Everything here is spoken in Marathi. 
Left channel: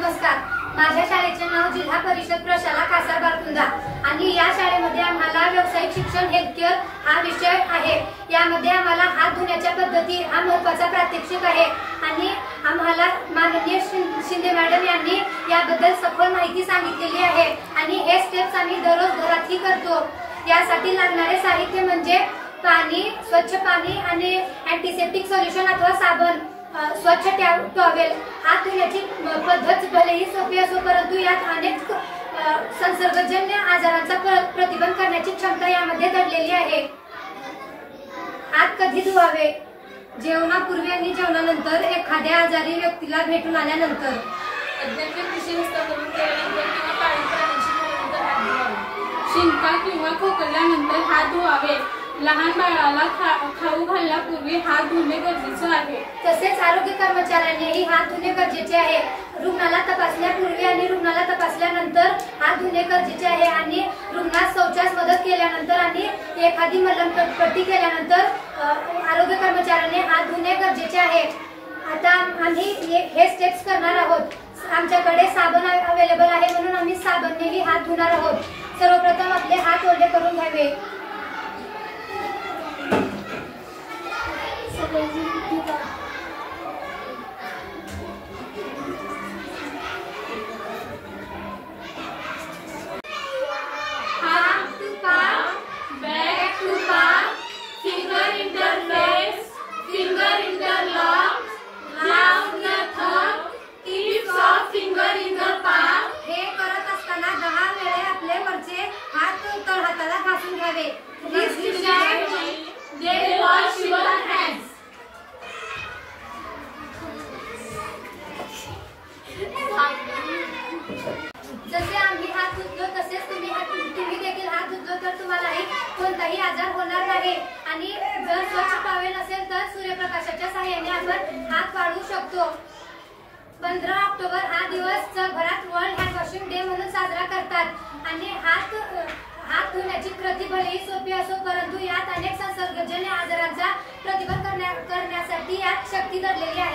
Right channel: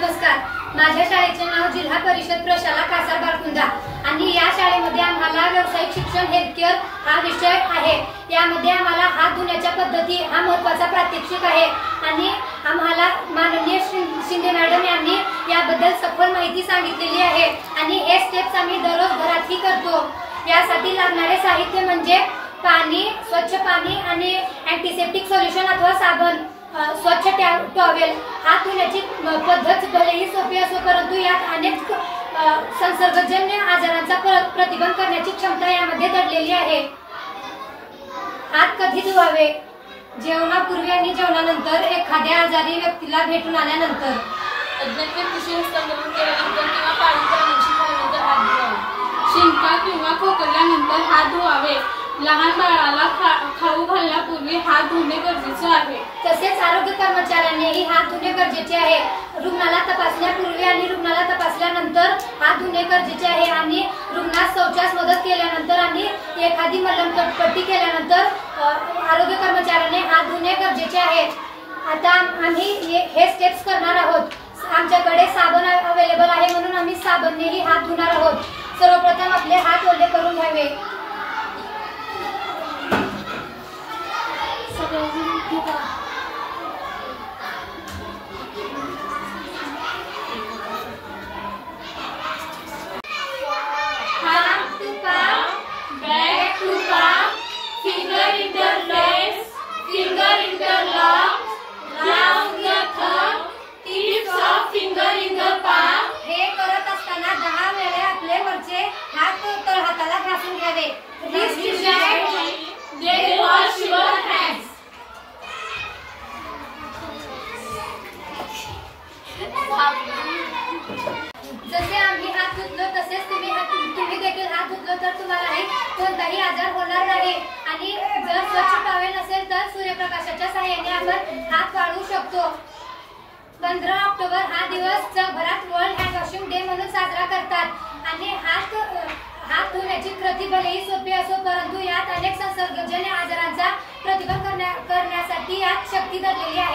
नमस्कार. माझ्या शाळेचे नाव जिल्हा परिषद प्रशाला कासार बारकुंदा आणि या शाळेमध्ये आम्हाला व्यावसायिक शिक्षण हेल्थ केअर हा विषय आहे. यामध्ये आम्हाला हात धुण्याच्या पद्धती हा महत्त्वाचा प्रात्यक्षिक आहे आणि आम्हाला माननीय शिंदे मॅडम यांनी याबद्दल सखोल माहिती सांगितलेली आहे आणि हे स्टेप्स आम्ही दररोज घरातही करतो. यासाठी लागणारे साहित्य म्हणजे पाणी, स्वच्छ पाणी आणि अँटीसेप्टिक सोल्युशन अथवा साबण, स्वच्छ टॉवेल. हात धुण्याची पद्धत भलेही सोपी असो परंतु यात अनेक संसर्गजन्य आजारांचा प्रतिबंध करण्याची क्षमता यामध्ये दडलेली आहे. हात कधी धुवावे? जेवणापूर्वी आणि जेवणानंतर, एखाद्या आजारी व्यक्तीला भेटून आल्यानंतर, शिंका किंवा खोकल्यानंतर हात धुवावे. लहान बाळाला खाऊ घालण्यापूर्वी हात धुणे गरजेचे आहे. तसेच आरोग्य कर्मचाऱ्यांनीही हात धुणे गरजेचे आहे. रुग्णाला तपासण्यापूर्वी आणि रुग्णाला तपासल्यानंतर हात धुणे गरजेचे आहे आणि रुग्णास शौचास मदत केल्यानंतर आणि एखादी मलमपट्टी केल्यानंतर आरोग्य कर्मचाऱ्यांनी हात धुणे गरजेचे आहे. आता आम्ही हे स्टेप्स करणार आहोत. आमच्याकडे साबण अवेलेबल आहे म्हणून आम्ही साबणनेही हात धुणार आहोत. सर्वप्रथम आपले हात ओले करून घ्यावे. जसे आम्ही हात धुतलो तसेच तुम्ही देखील हात धुतलो तर तुम्हालाही कोणताही आजार होणार नाही आणि जर स्वच्छ टॉवेल नसेल तर सूर्यप्रकाशाच्या सहाय्याने आपण हात वाळवू शकतो. 15 ऑक्टोबर हा दिवस जगभरात वर्ल्ड हँड वॉशिंग डे म्हणून साजरा करतात आणि हात धुण्याची कृती भलेही सोपी असो परंतु यात अनेक संसर्गजन्य आजारांचा प्रतिबंध करण्यासाठी यात शक्ती दडलेली आहे.